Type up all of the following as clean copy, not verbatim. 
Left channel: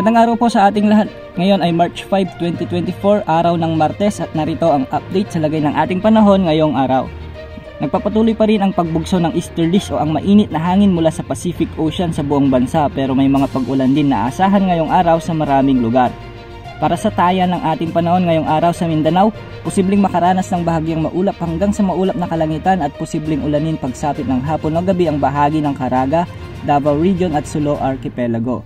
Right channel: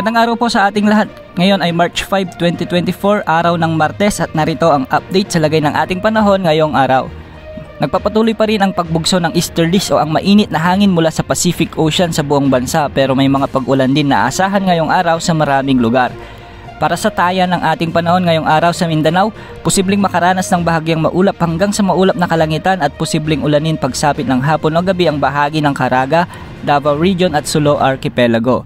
Magandang araw po sa ating lahat. Ngayon ay March 5, 2024, araw ng Martes at narito ang update sa lagay ng ating panahon ngayong araw. Nagpapatuloy pa rin ang pagbugso ng easterlies o ang mainit na hangin mula sa Pacific Ocean sa buong bansa pero may mga pag-ulan din na asahan ngayong araw sa maraming lugar. Para sa taya ng ating panahon ngayong araw sa Mindanao, posibleng makaranas ng bahagyang maulap hanggang sa maulap na kalangitan at posibleng ulanin pagsapit ng hapon o gabi ang bahagi ng Caraga, Davao Region at Sulu Archipelago.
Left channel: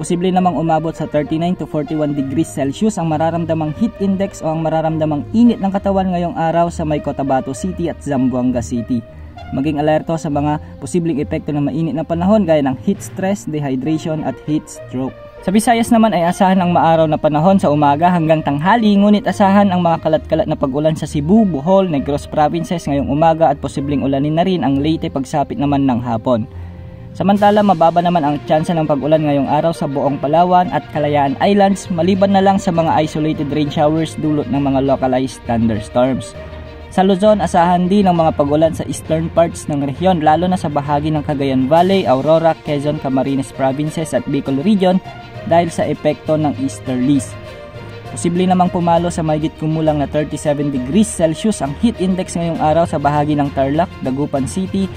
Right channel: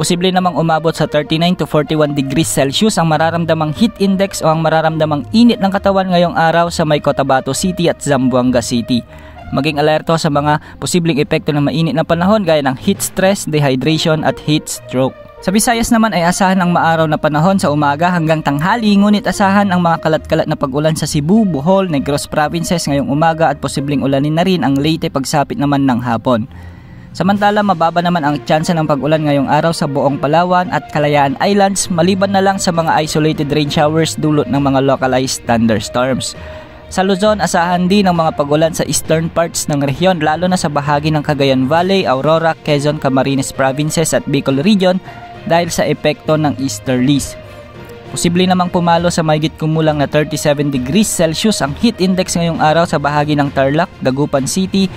Posible namang umabot sa 39 to 41 degrees Celsius ang mararamdamang heat index o ang mararamdamang init ng katawan ngayong araw sa may Cotabato City at Zamboanga City. Maging alerto sa mga posibleng epekto ng mainit na panahon gaya ng heat stress, dehydration at heat stroke. Sa Visayas naman ay asahan ang maaraw na panahon sa umaga hanggang tanghali, ngunit asahan ang mga kalat-kalat na pag-ulan sa Cebu, Bohol, Negros Provinces ngayong umaga at posibleng ulanin na rin ang Leyte pagsapit naman ng hapon. Samantala, mababa naman ang tsansa ng pag-ulan ngayong araw sa buong Palawan at Kalayaan Islands maliban na lang sa mga isolated rain showers dulot ng mga localized thunderstorms. Sa Luzon, asahan din ang mga pag-ulan sa eastern parts ng rehiyon lalo na sa bahagi ng Cagayan Valley, Aurora, Quezon, Camarines Provinces at Bicol Region dahil sa epekto ng easterlies. Posible namang pumalo sa mahigit kumulang na 37 degrees Celsius ang heat index ngayong araw sa bahagi ng Tarlac, Dagupan City,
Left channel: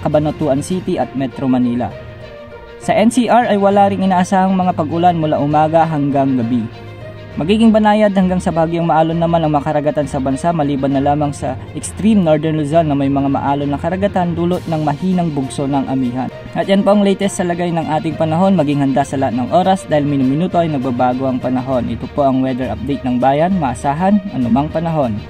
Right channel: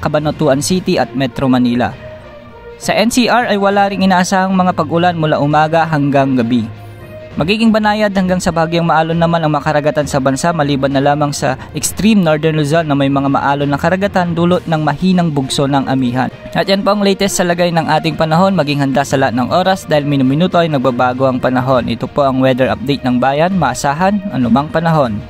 Cabanatuan City at Metro Manila. Sa NCR ay wala ring inaasahang mga pag-ulan mula umaga hanggang gabi. Magiging banayad hanggang sa bahagyang maalon naman ang mga karagatan sa bansa maliban na lamang sa extreme northern Luzon na may mga maalon na karagatan dulot ng mahinang bugso ng amihan. At yan po ang latest sa lagay ng ating panahon. Maging handa sa lahat ng oras dahil minuminuto ay nagbabago ang panahon. Ito po ang weather update ng bayan, maasahan anumang panahon.